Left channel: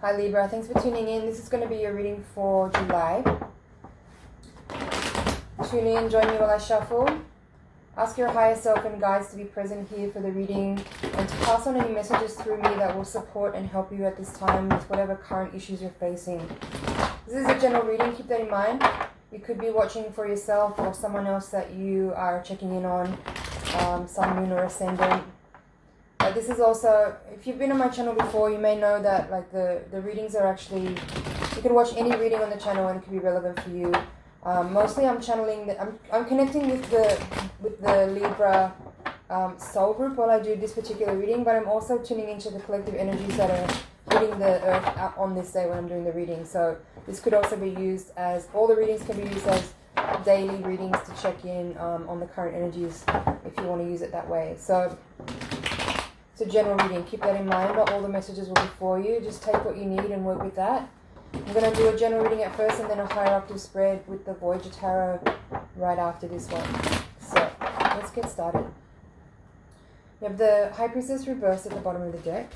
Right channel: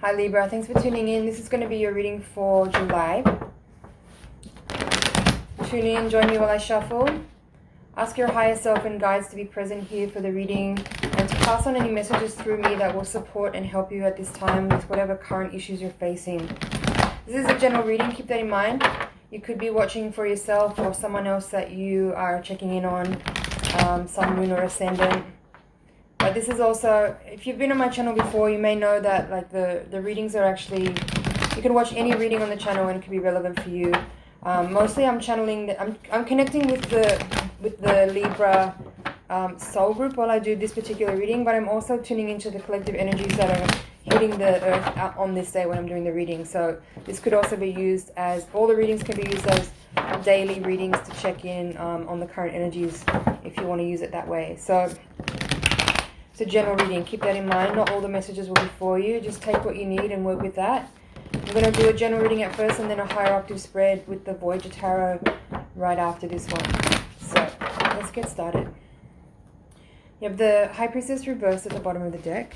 Hi Libra, thanks for tuning in. This is going to be your reading for July. Tune in, join me while I shuffle. Ask your higher self and guides to be present here for the reading and to pass on any messages through me that will support and help you at this time with whatever current issues you're facing. This is a general reading, keep that in mind. You could be watching for yourself or someone else that you are checking in on, sun, moon or ascendant. But this is also, if you've been on my channel before, you may know that like the readings are actually, you can watch any reading on the channel and it can be relevant for you. Mostly I'm channeling, I'm connecting with the Libra soul group while I do this particular reading, but I'm also tuning into the collective energies that are hitting the earth on this day when I'm doing the reading. So this could also be used as, all the readings can be used as daily readings to check in on the current energies if you want to use it that way. So it's a general reading, keep that in mind. Not all the messages will be for you, just take what you need and work with that. I'm going to do a general reading at first and then a higher octave spread with the Voyager Tarot right after this one. So let's get started. You have the High Priestess reversed at the bottom of the deck.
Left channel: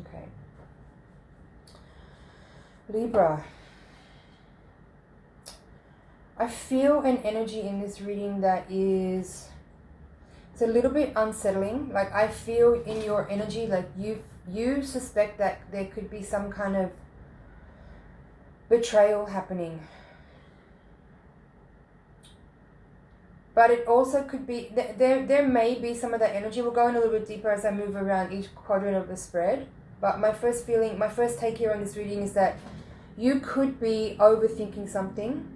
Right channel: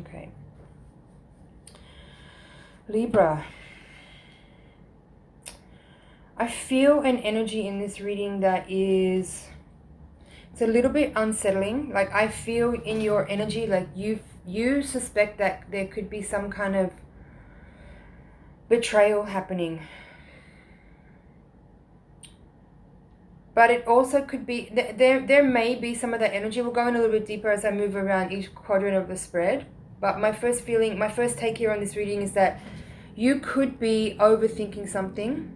Okay. Libra. I feel an energy in this reading that is, it's a little bit unsettling. Like I feel in your energy, like you suspect that there could be some kind of betrayal happening. But it also could be, there may be some of that energy. We'll go in a little bit deeper as I move around each quadrant of the spread. But my first feeling, my first take here on this reading is that you could be overthinking something.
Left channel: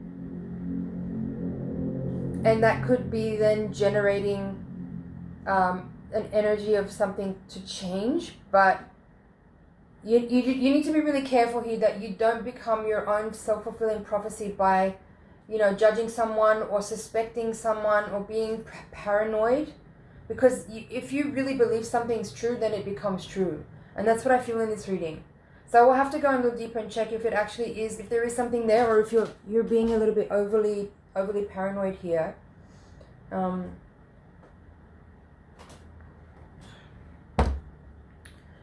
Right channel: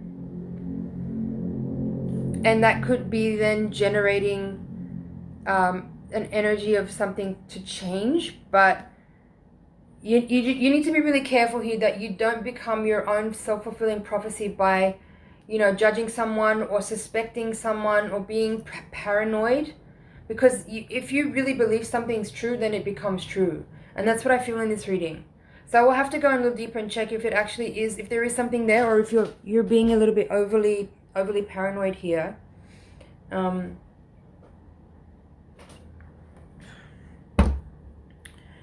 And that could be then generating an energy of something to change. But you need to be really careful here that you don't become your own self-fulfilling prophecy by, you know, judging someone or suspecting someone or being paranoid. Because if you really believe something's true, then it becomes true. And that's what I feel in this reading. So we'll have to go a little deeper and check if it actually is, if there is something there, or if you're being a little bit overly paranoid here.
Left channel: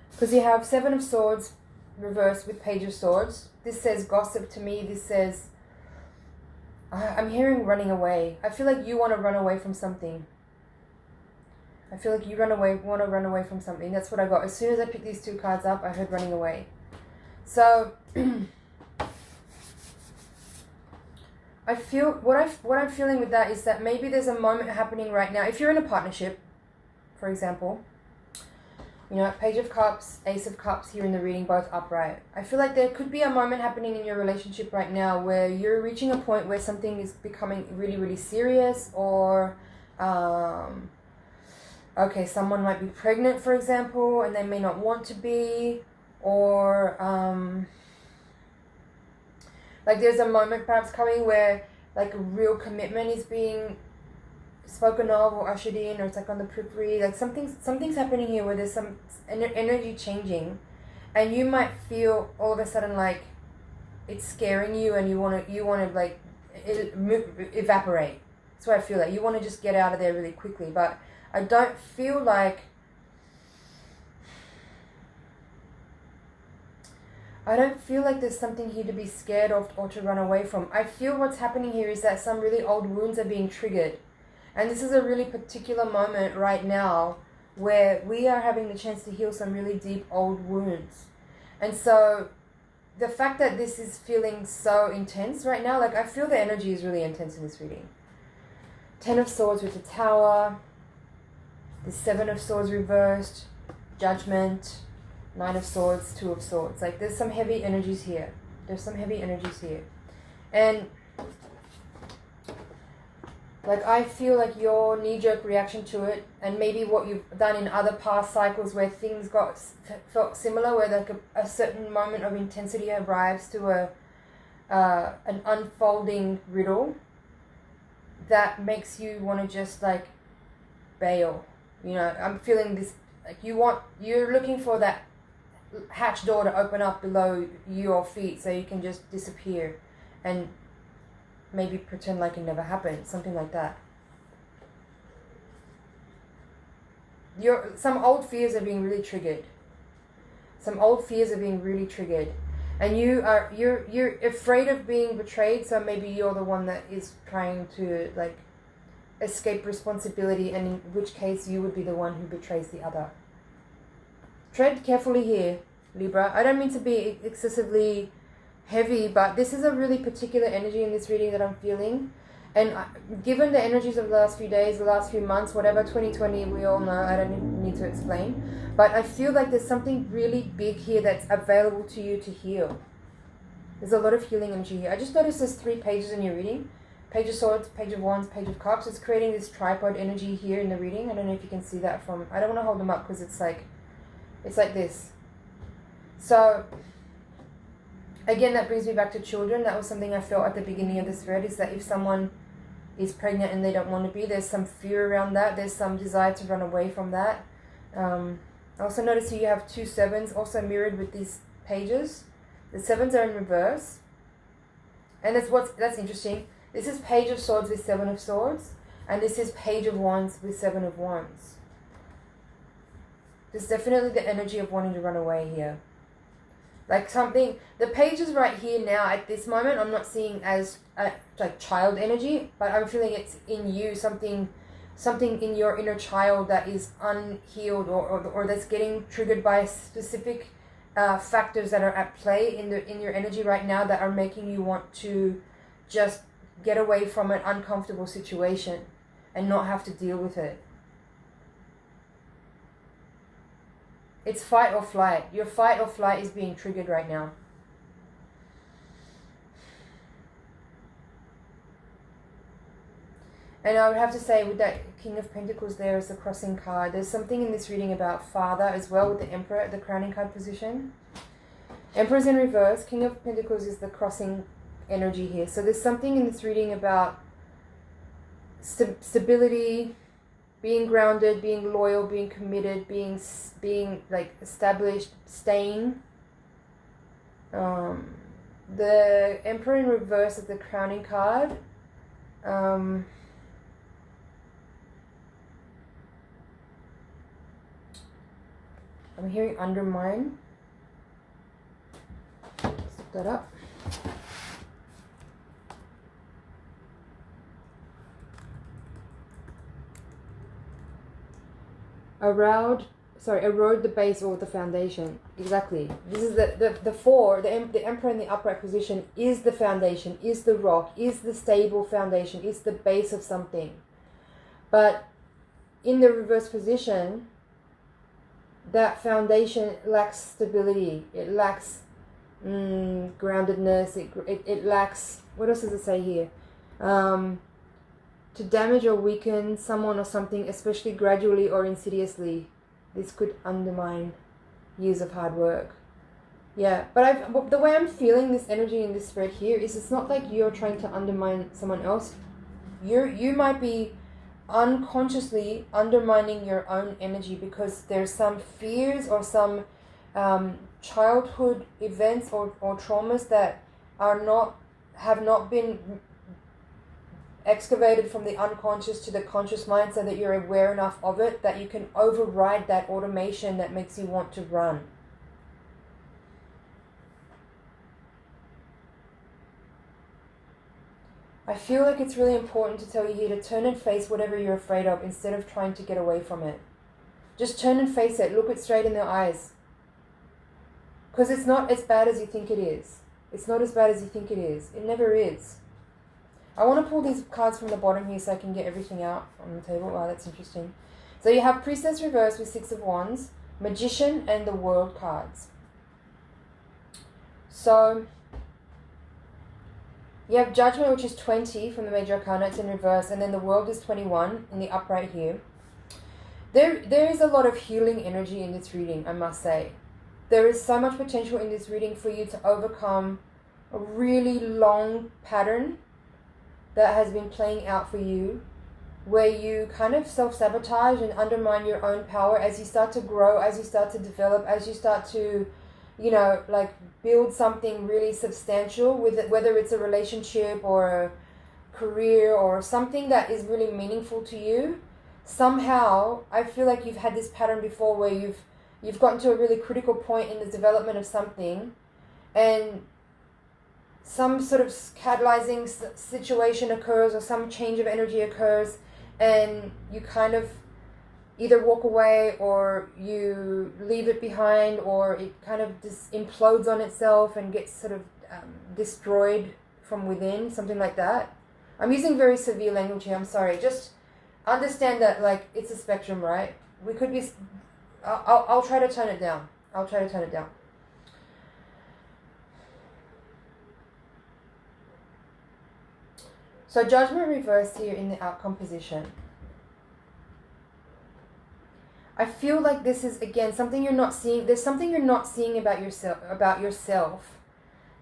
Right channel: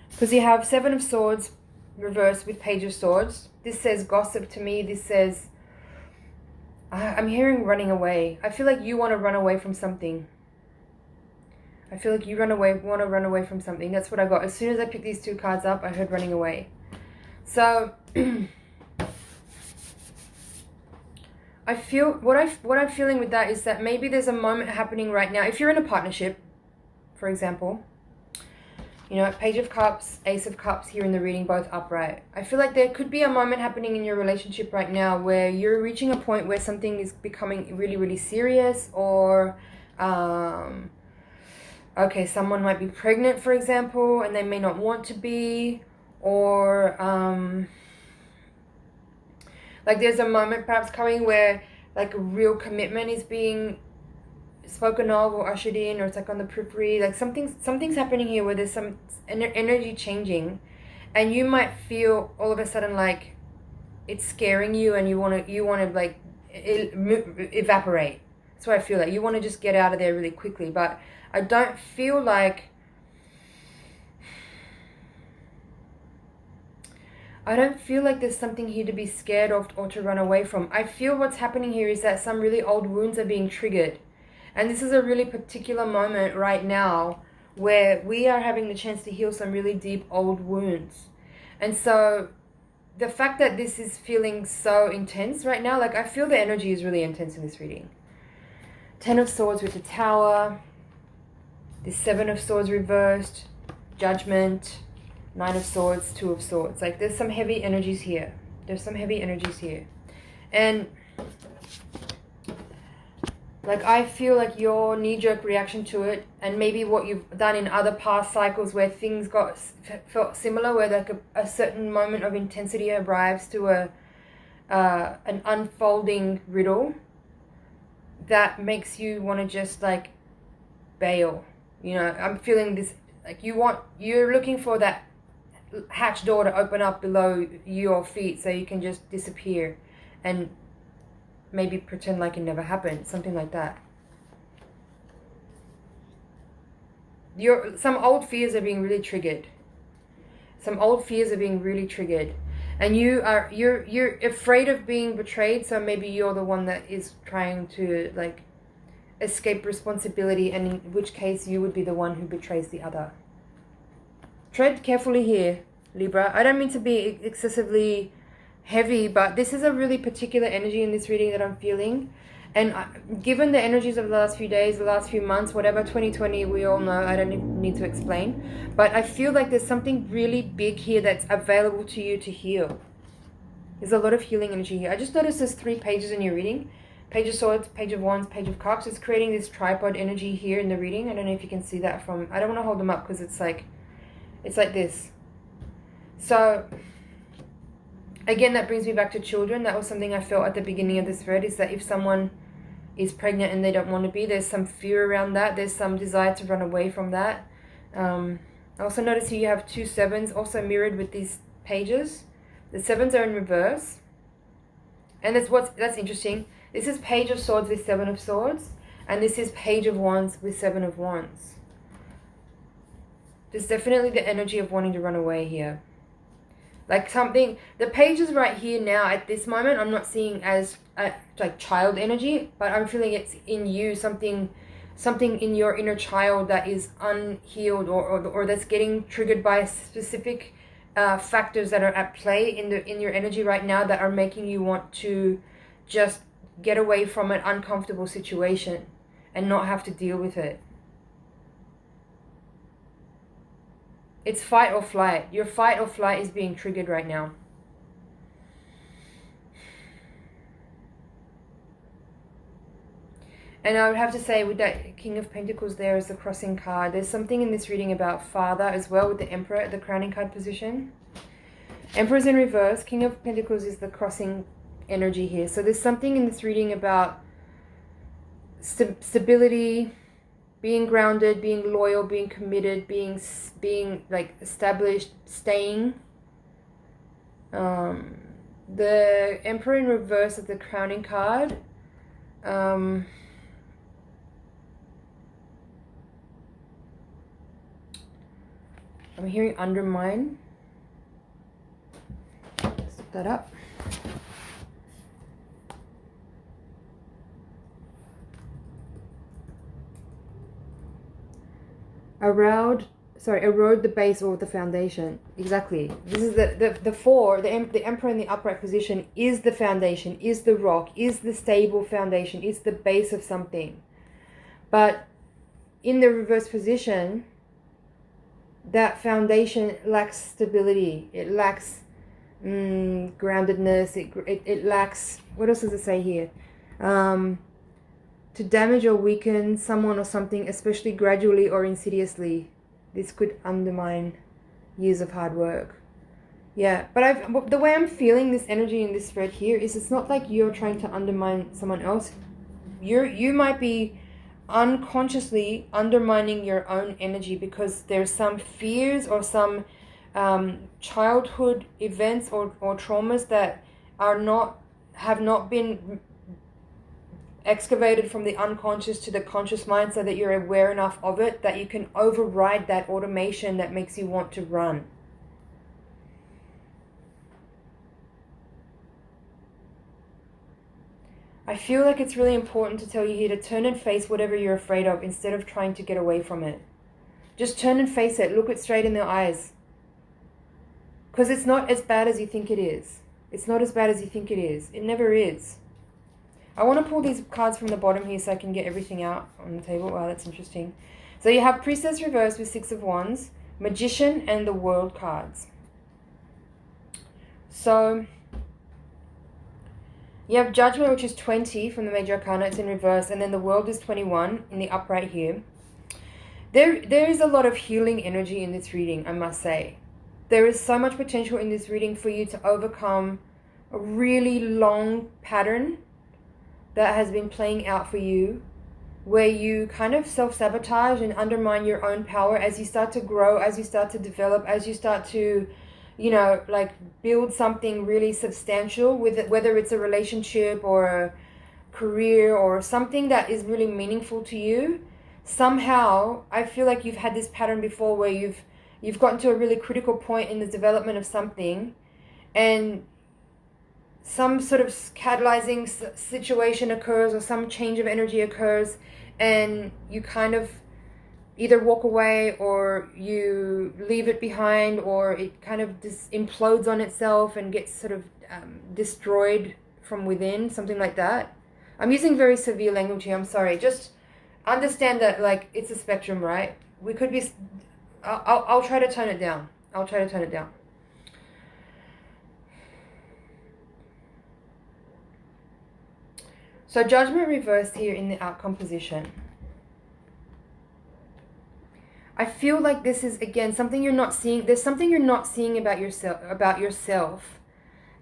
Because you have Seven of Swords reversed with Page of Swords. This says gossip to me. This says, I'm hearing running away. I feel like you want to run away from something. I feel like you want to run away from something. That's what I got. As soon as I picked these two cards up, I heard running away. So I feel, what I'm feeling with that is that maybe there's a moment happening right now. If you're in a partnership, for example, you know, Page of Cups, Ace of Cups here in the reading, both upright. I feel like there could be a moment happening in your relationship right now where you're reaching a point where something is becoming really, really serious, or okay, someone might be pregnant, for example, and they may not want to be, or like there's a moment perhaps coming where like a real commitment is being spoken of or ushered in, or it's like on the periphery. Like something's happening here where there's some energy changing, and you might feel all of a sudden like it's scaring you, and you want to like evaporate. That's what I feel like. You want to just get out of there really quickly, but I don't feel like there's something here to be scared of or to run away from. I feel what's happening here is that some really old wounds are being triggered. And this is a really particular moment right now where we are having the chance to heal some really deep old wounds. And so the fact that this is feeling so intense right now, like I feel the energy is really intense in this reading. Ten of Swords with the Tower. The Seven of Swords reversed. Judgment. Knight of Swords, Two of Swords. Like there's some heavy energies here. And like I feel like your knee-jerk reaction to it, and maybe what you've done in other past cycles where things felt similar, where like a certain moment of intensity arrives to an unfolding riddle that makes you want to just like bail. You know, I'm feeling this, like you're looking for that hatch door to open up below your feet so you can just disappear and maybe pretend like it never happened, something like that. Some old fears are being really triggered. Some old fears are being really triggered. And you're afraid of being betrayed, so maybe you're the one that is trying to like escape responsibility, and in which case you would be the one who betrays the other. Tread carefully here, Libra. I don't mean to be excessively heavy, but this is a really particular energy in this reading that I'm feeling. And given the energies of the last few days, the last few months, whatever, 2020, we all know, I don't need to explain. But I feel like there's something really big here that's available to you to heal. There's a lot of healing energy here. I just noticed there's 3 pages in your reading. Page of Swords, Page of Wands, Page of Cups. It's creating this tripod energy here in the reading. I don't know if you can see that from... I don't want to hold them up because it's like this. So... again, that brings me back to children. That was something I felt at the beginning of this read, is that if someone is pregnant and they don't want to be, there's some fear around that. There's some desire to run away from that. I also notice here you have 2 sevens also mirrored with these pages. The sevens are in reverse. And that's interesting. This is Page of Swords with 7 of Swords. And this is Page of Wands with 7 of Wands. There's definitely the energy of wanting to run away here. Like something, the pages right here now at this moment, I'm not seeing as like child energy, but I'm feeling it's in you, something in your inner child that is unhealed or that's getting triggered by specific factors that are at play in your energy right now that are making you want to just get away from an uncomfortable situation and not have to deal with it. It's fight or flight. Your fight or flight is being triggered right now. And I would have to say with that King of Pentacles there as the crossing card, there's something in this reading about father as well with the Emperor at the crowning card position. Emperor's in reverse. King of Pentacles is the crossing energy here. So there's something in this reading about stability, being grounded, being loyal, being committed, being like established, staying. The Emperor in reverse is the crowning card. I'm hearing undermine. Let's look that up. Erode the base or the foundation. Exactly. This is the 4, the Emperor in the upright position is the foundation, is the rock, is the stable foundation, is the base of something. But in the reverse position, that foundation lacks stability. It lacks groundedness. It lacks, what else does it say here? To damage or weaken someone or something, especially gradually or insidiously. This could undermine years of hard work. Yeah, but the way I'm feeling this energy in this thread here is it's not like you're trying to undermine someone else. You might be unconsciously undermining your own energy because there's some fears or some childhood events or traumas that have not been excavated from the unconscious to the conscious mind, so that you're aware enough of it that you can override that automation that makes you want to run. I feel like it's really important to tell you here to turn and face whatever you're afraid of instead of trying to get away from it. Just turn and face it. Look it straight in the eyes. Because it's not as bad as you think it is. It's not as bad as you think it is. It never is. I want to pull these cards from the bottom here so I can get everything out on the table. Wow, that's interesting. So you have Priestess reversed with 6 of Wands, Magician, and the World cards. So you have Judgment, which is 20 from the Major Arcana. It's in reverse. And then the World is 21 in the upright here. There is a lot of healing energy in this reading, I must say. There is so much potential in this reading for you to overcome a really long pattern that has been playing out for you where you kind of self-sabotage and undermine your own power as you start to grow, as you start to develop, as you start to, you know, like build something really substantial with it, whether it's a relationship or a career or something that is really meaningful to you. Somehow I feel like you've had this pattern before where you've gotten to a really critical point in the development of something, and some sort of catalyzing situation occurs or some change of energy occurs, and you kind of either walk away or you leave it behind, or it kind of just implodes on itself and gets sort of destroyed from within, something like that. I'm using very severe language here, I'm sorry. Just understand that, like, it's a spectrum, right? We could be... I'll try to tone it down. I'll try to tone it down. So judgment reversed here in the outcome position. I feel like this is, again, something you're not seeing. There's something you're not seeing about yourself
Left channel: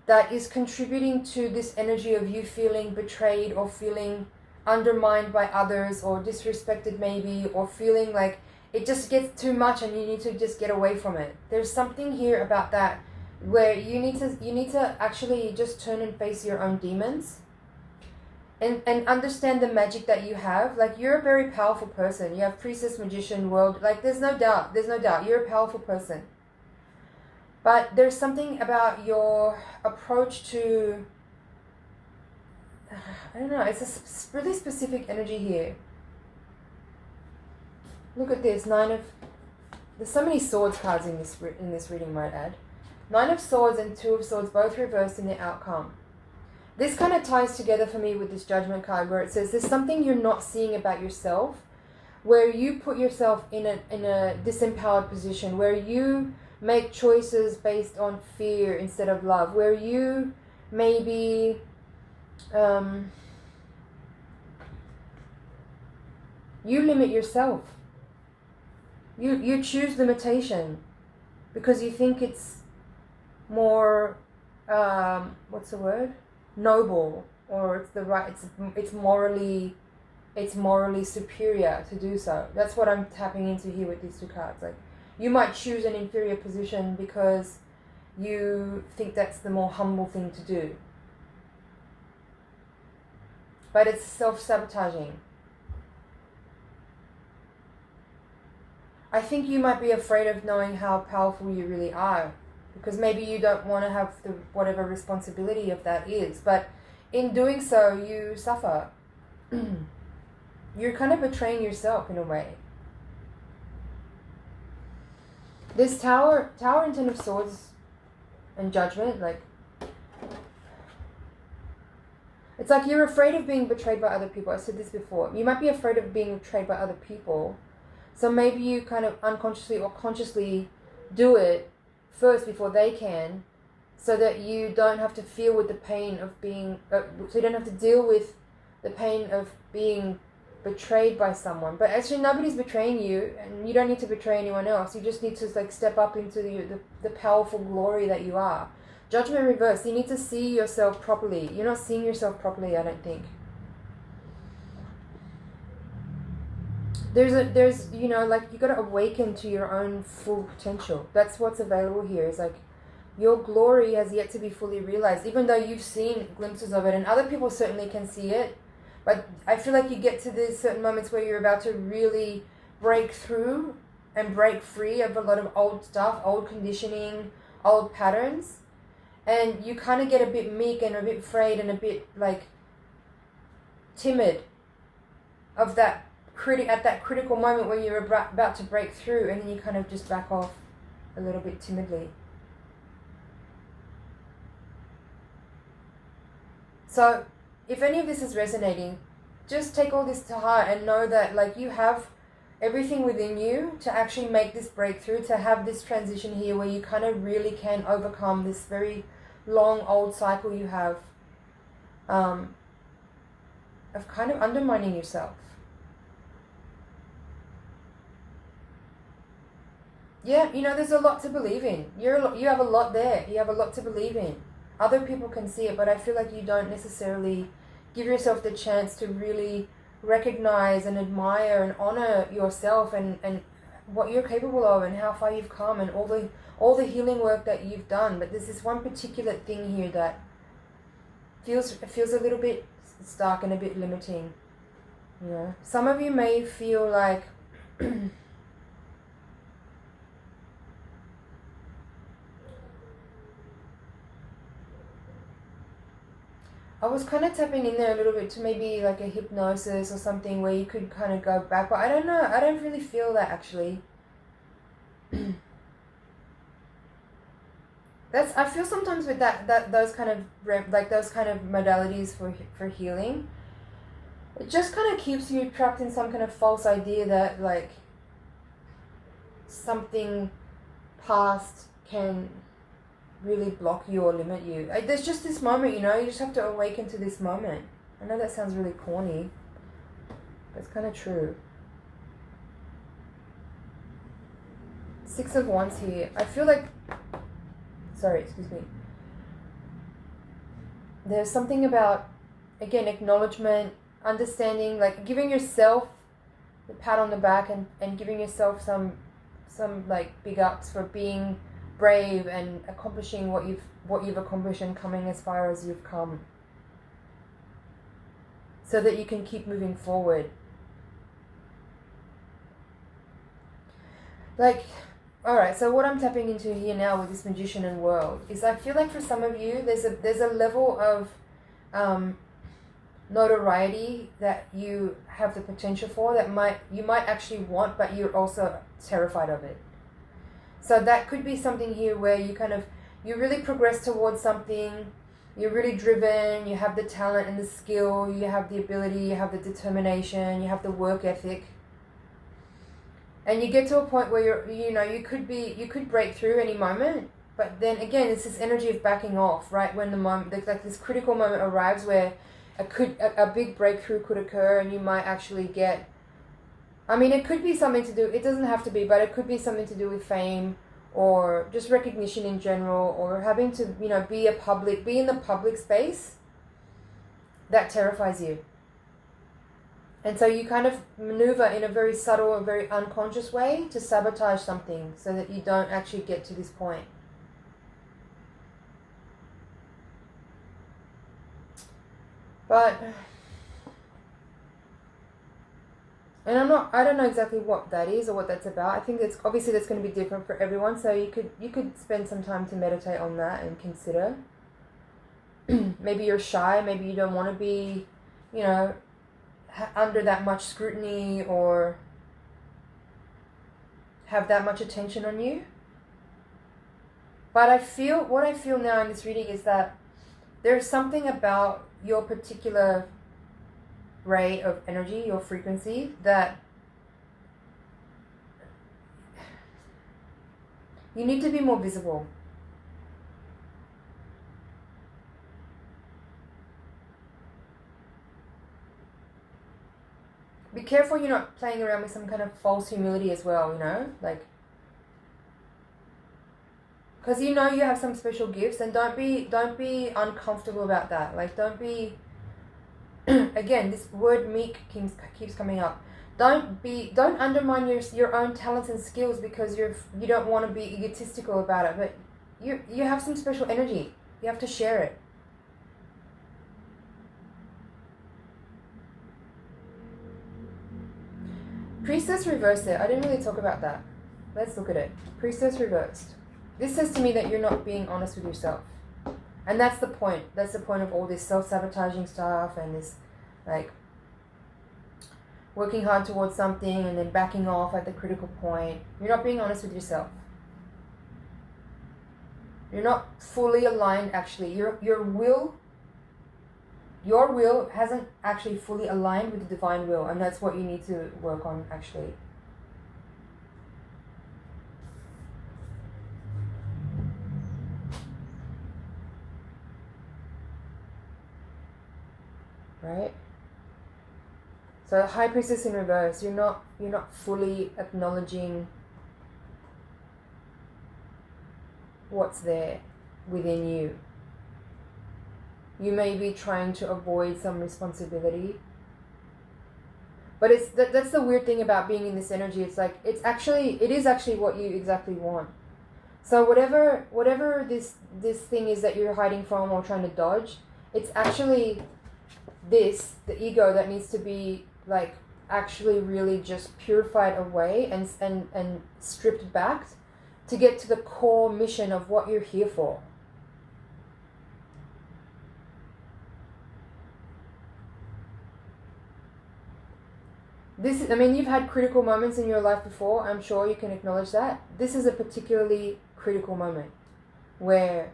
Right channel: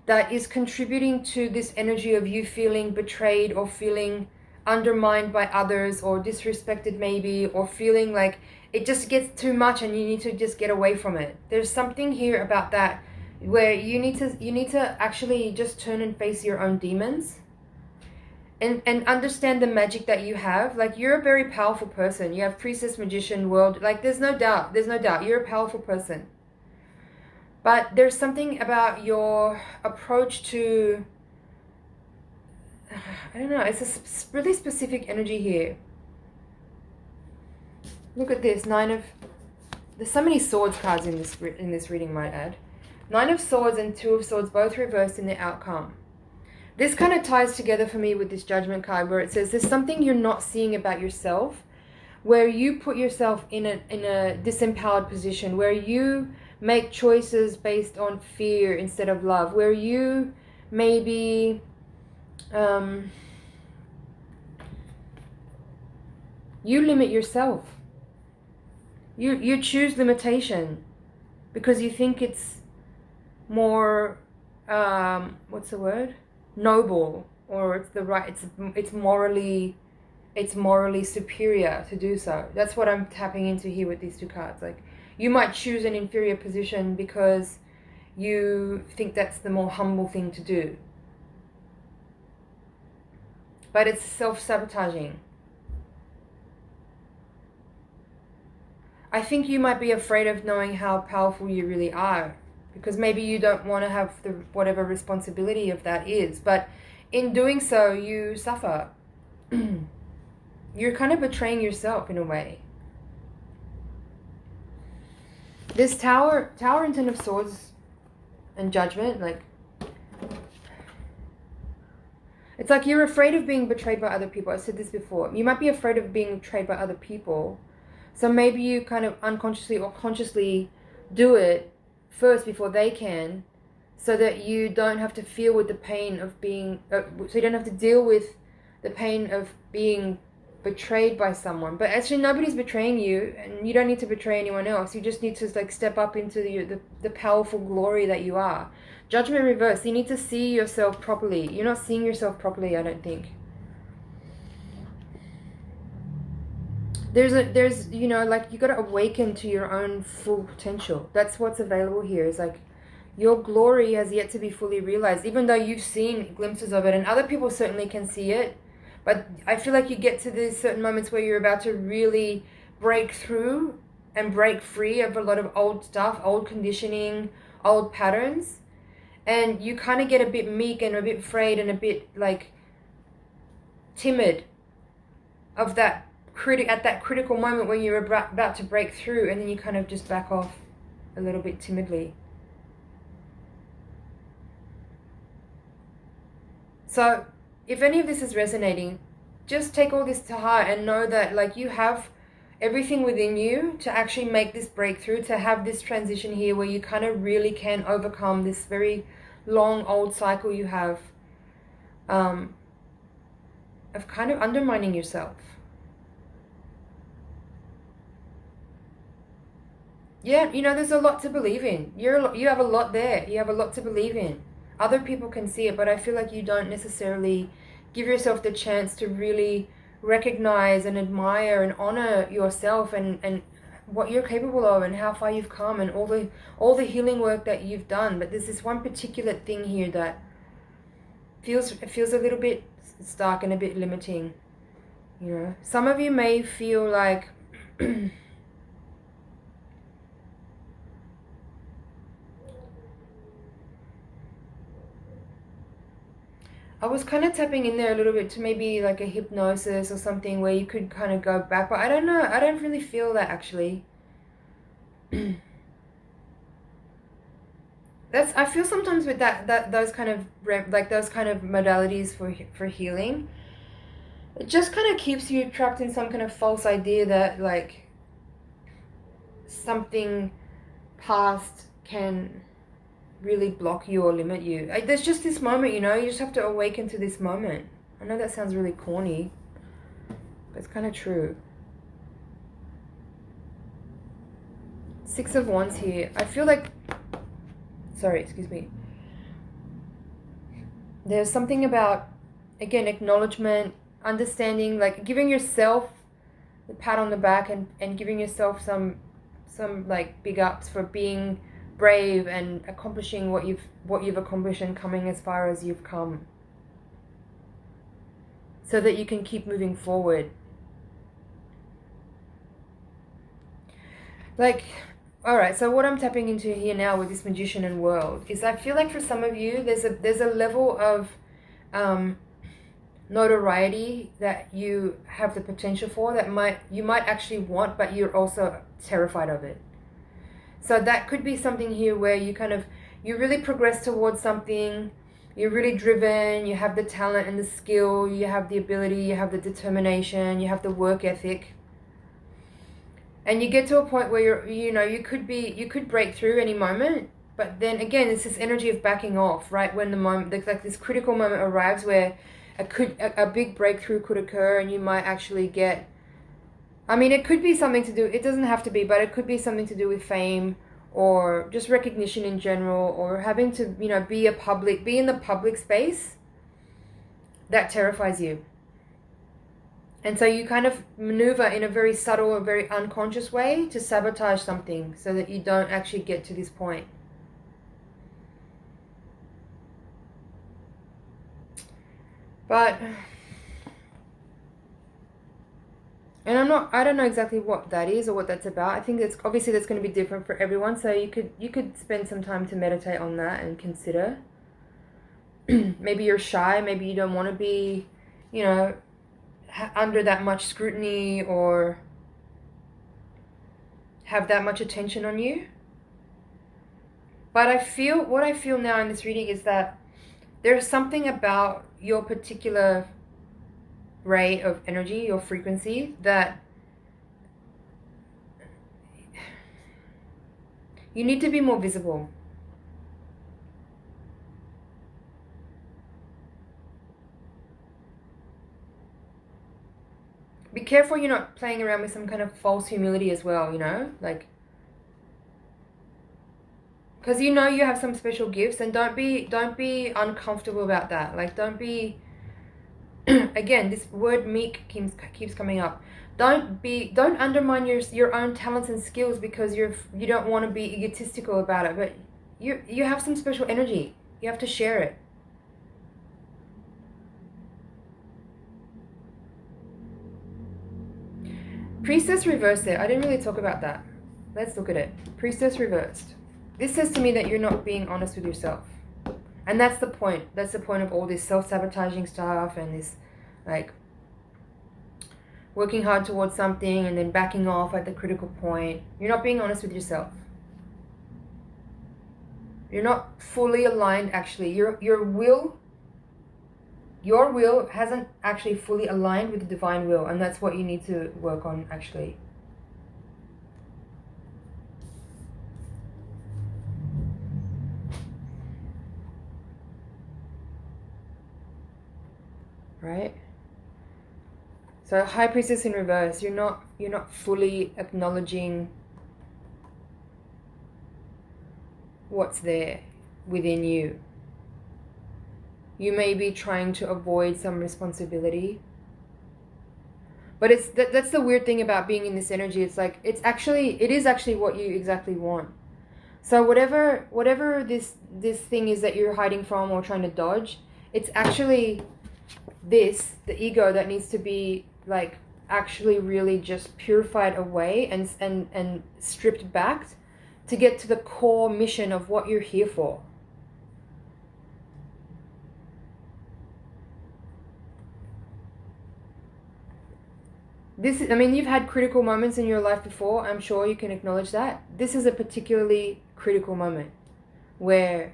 that is contributing to this energy of you feeling betrayed or feeling undermined by others or disrespected maybe, or feeling like it just gets too much and you need to just get away from it. There's something here about that where you need to actually just turn and face your own demons. And understand the magic that you have. Like, you're a very powerful person. You have priestess, magician, world. Like, there's no doubt. You're a powerful person. But there's something about your approach to... I don't know. It's a really specific energy here. Look at this. There's so many swords cards in this reading, might add. 9 of Swords and 2 of Swords, both reversed in the outcome. This kind of ties together for me with this Judgment card, where it says there's something you're not seeing about yourself, where you put yourself in a disempowered position, where you make choices based on fear instead of love, where you maybe you limit yourself. You choose limitation because you think it's more what's the word? Noble, or it's morally superior to do so. That's what I'm tapping into here with these 2 cards. Like, you might choose an inferior position because you think that's the more humble thing to do, but it's self-sabotaging. I think you might be afraid of knowing how powerful you really are, because maybe you don't want to have the whatever responsibility of that is, but in doing so you suffer. You're kind of betraying yourself in a way. This Tower and 10 of Swords and Judgment, like, it's like you're afraid of being betrayed by other people. I said this before. You might be afraid of being betrayed by other people, so maybe you kind of unconsciously or consciously do it first before they can, so that you don't have to feel with the pain of being, so you don't have to deal with the pain of being betrayed by someone. But actually nobody's betraying you, and you don't need to betray anyone else. You just need to, like, step up into the powerful glory that you are. Judgment reverse. You need to see yourself properly. You're not seeing yourself properly, I don't think. There's you know, like, you got to awaken to your own full potential. That's what's available here. Is like, your glory has yet to be fully realized, even though you've seen glimpses of it, and other people certainly can see it. But I feel like you get to these certain moments where you're about to really break through and break free of a lot of old stuff, old conditioning, old patterns, and you kind of get a bit meek and a bit afraid and a bit, like, timid of that at that critical moment when you're about to break through, and then you kind of just back off a little bit timidly. So if any of this is resonating, just take all this to heart and know that, like, you have everything within you to actually make this breakthrough, to have this transition here where you kind of really can overcome this very long old cycle you have of kind of undermining yourself. Yeah, you know, there's a lot to believe in. You have a lot there. You have a lot to believe in. Other people can see it, but I feel like you don't necessarily give yourself the chance to really recognize and admire and honor yourself and what you're capable of and how far you've come and all the healing work that you've done. But there's this one particular thing here that feels a little bit stark and a bit limiting. You know, some of you may feel like I was kind of tapping in there a little bit to maybe like a hypnosis or something where you could kind of go back, but I don't know. I don't really feel that actually. I feel sometimes with that those kind of modalities for healing, it just kind of keeps you trapped in some kind of false idea that like something past can really block you or limit you. Like, there's just this moment, you know, you just have to awaken to this moment. I know that sounds really corny, but it's kind of true. Six of Wands here. I feel like, sorry, excuse me. There's something about, again, acknowledgement, understanding, like giving yourself the pat on the back and giving yourself some like big ups for being brave and accomplishing what you've accomplished and coming as far as you've come, so that you can keep moving forward. Like, all right, so what I'm tapping into here now with this Magician and World is I feel like for some of you there's a level of notoriety that you have the potential for that you might actually want, but you're also terrified of it. So that could be something here where you really progress towards something, you're really driven, you have the talent and the skill, you have the ability, you have the determination, you have the work ethic. And you get to a point where you could break through any moment, but then again, it's this energy of backing off, right? When the moment, like this critical moment arrives where a big breakthrough could occur and you might actually get, I mean, it could be something to do, it doesn't have to be, but it could be something to do with fame or just recognition in general, or having to, be in the public space that terrifies you. And so you kind of maneuver in a very subtle or very unconscious way to sabotage something so that you don't actually get to this point. But, and I don't know exactly what that is or what that's about. I think that's going to be different for everyone. So you could spend some time to meditate on that and consider. Maybe you're shy. Maybe you don't want to be, under that much scrutiny or have that much attention on you. But what I feel now in this reading is that there's something about your particular ray of energy, your frequency, that you need to be more visible. Be careful you're not playing around with some kind of false humility as well, like, because you have some special gifts, and don't be uncomfortable about that. Like, don't be again, this word meek keeps coming up. Don't undermine your own talents and skills because you don't want to be egotistical about it, but you have some special energy. You have to share it. Priestess reversed there. I didn't really talk about that. Let's look at it. Priestess reversed. This says to me that you're not being honest with yourself. And that's the point. That's the point of all this self-sabotaging stuff and this, like, working hard towards something and then backing off at the critical point. You're not being honest with yourself. You're not fully aligned, actually. Your will hasn't actually fully aligned with the divine will, and that's what you need to work on, actually. Right? So High Priestess in reverse, you're not fully acknowledging what's there within you. You may be trying to avoid some responsibility. But that's the weird thing about being in this energy. It's like, it is actually what you exactly want. So whatever this thing is that you're hiding from or trying to dodge, it's actually the ego that needs to be like actually really just purified away and stripped back to get to the core mission of what you're here for. You've had critical moments in your life before. I'm sure you can acknowledge that. This is a particularly critical moment where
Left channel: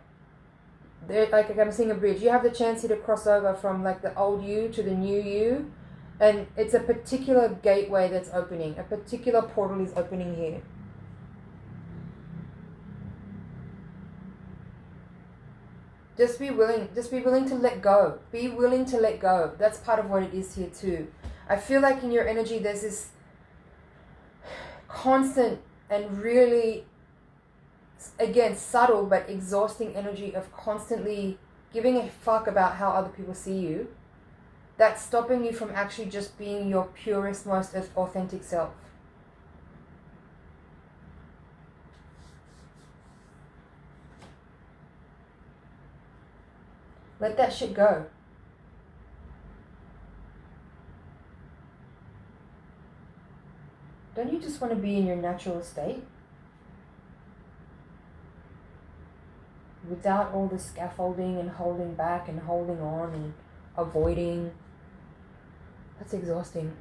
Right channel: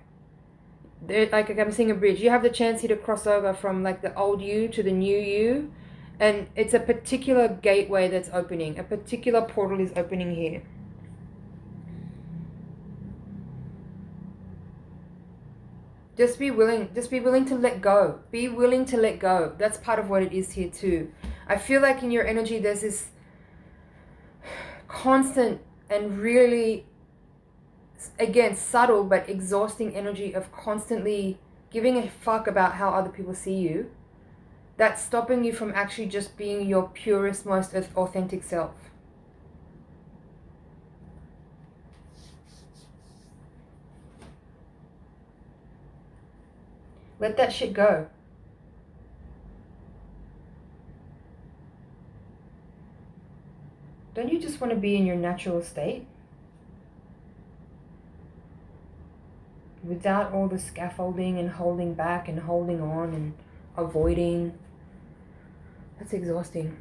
like I'm seeing a bridge. You have the chance here to cross over from like the old you to the new you, and it's a particular gateway that's opening. A particular portal is opening here. Just be willing to let go. Be willing to let go. That's part of what it is here too. I feel like in your energy there's this constant and really, again, subtle but exhausting energy of constantly giving a fuck about how other people see you. That's stopping you from actually just being your purest, most authentic self. Let that shit go. Don't you just want to be in your natural state? Without all the scaffolding and holding back and holding on and avoiding. That's exhausting.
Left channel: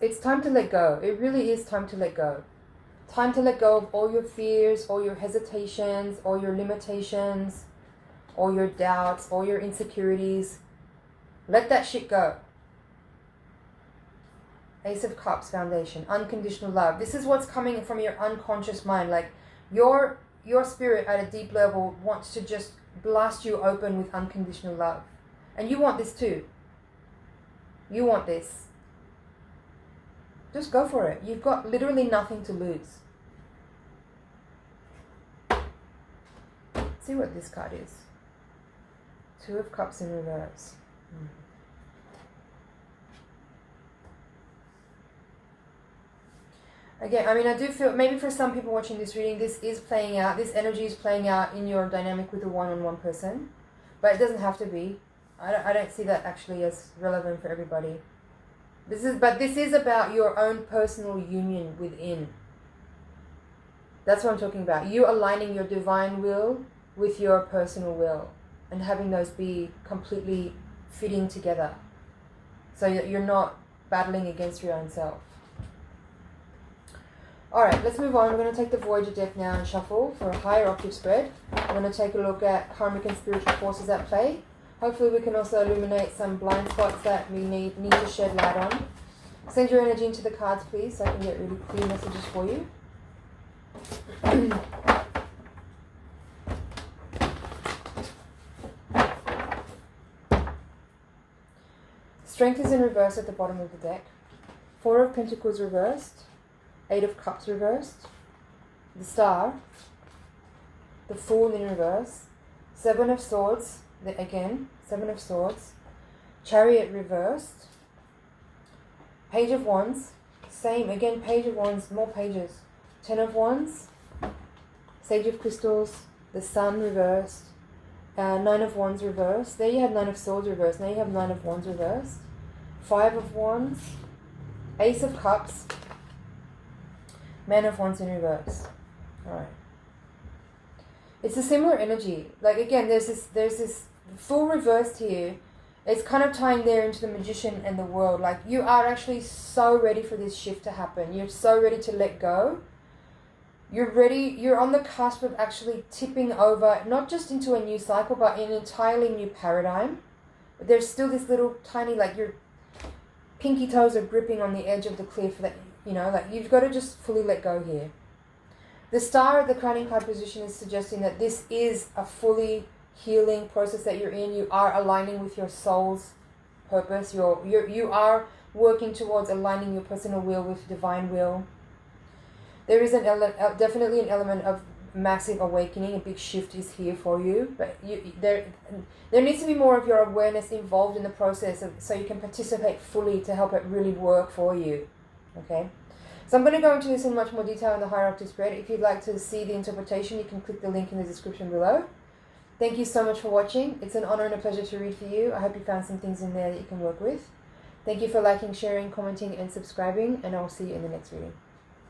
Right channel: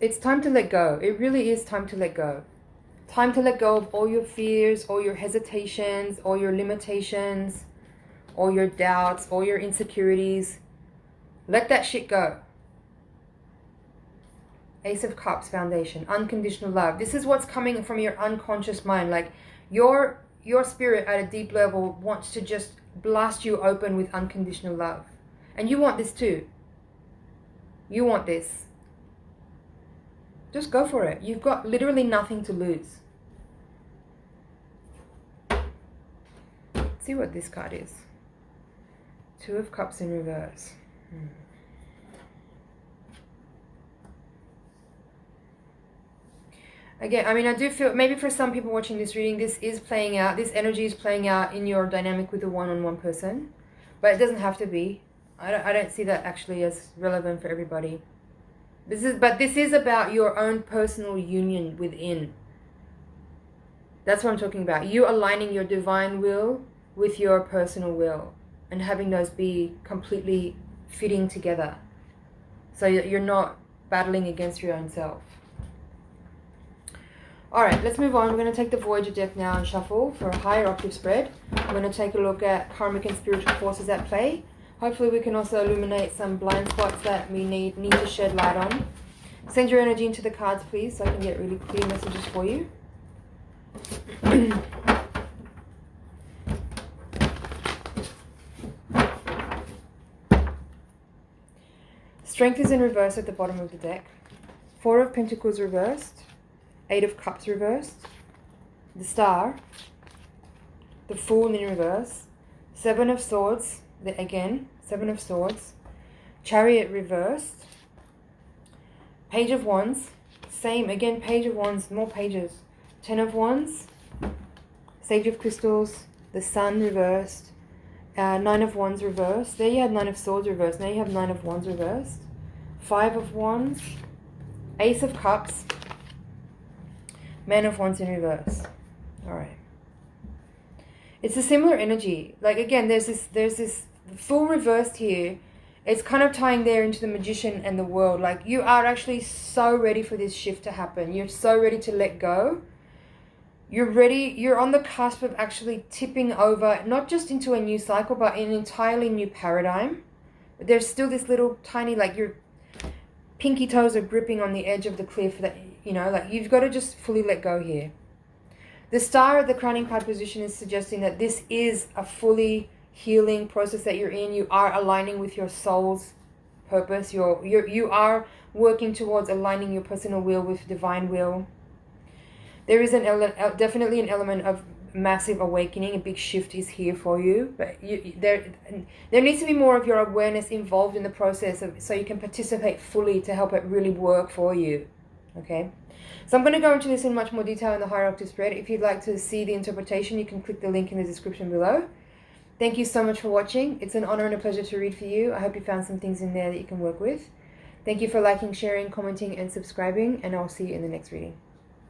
It's time to let go. It really is time to let go. Time to let go of all your fears, all your hesitations, all your limitations, all your doubts, all your insecurities. Let that shit go. Ace of Cups, foundation, unconditional love. This is what's coming from your unconscious mind. Like your spirit at a deep level wants to just blast you open with unconditional love. And you want this too. You want this. Just go for it. You've got literally nothing to lose. Let's see what this card is. Two of Cups in reverse. Again, I do feel, maybe for some people watching this reading, this is playing out, this energy is playing out in your dynamic with a one-on-one person. But it doesn't have to be. I don't see that actually as relevant for everybody. This is about your own personal union within. That's what I'm talking about. You aligning your divine will with your personal will and having those be completely fitting together so that you're not battling against your own self. Alright, let's move on. We're going to take the Voyager deck now and shuffle for a higher octave spread. We're going to take a look at karmic and spiritual forces at play. Hopefully we can also illuminate some blind spots that we need to shed light on. Send your energy into the cards, please, so I can get really clear messages for you. Strength is in reverse at the bottom of the deck. Four of Pentacles reversed. Eight of Cups reversed. The Star. The Fool in reverse. Seven of Swords. Again, Seven of Swords. Chariot reversed. Page of Wands. Same, again, Page of Wands, more pages. Ten of Wands. Sage of Crystals. The Sun reversed. Nine of Wands reversed. There you have Nine of Swords reversed. Now you have Nine of Wands reversed. Five of Wands. Ace of Cups. Man of Wands in reverse. Alright. It's a similar energy. Like again, there's this full reversed here. It's kind of tying there into the Magician and the World. Like you are actually so ready for this shift to happen. You're so ready to let go. You're ready. You're on the cusp of actually tipping over, not just into a new cycle, but an entirely new paradigm. But there's still this little tiny, like your pinky toes are gripping on the edge of the cliff. That like you've got to just fully let go here. The Star of the crowning card position is suggesting that this is a fully healing process that you're in. You are aligning with your soul's purpose. You are working towards aligning your personal will with divine will. There is definitely an element of massive awakening, a big shift is here for you, but there needs to be more of your awareness involved in the process so you can participate fully to help it really work for you. Okay, so I'm going to go into this in much more detail in the higher octave spread. If you'd like to see the interpretation, you can click the link in the description below. Thank you so much for watching. It's an honor and a pleasure to read for you. I hope you found some things in there that you can work with. Thank you for liking, sharing, commenting, and subscribing, and I'll see you in the next reading.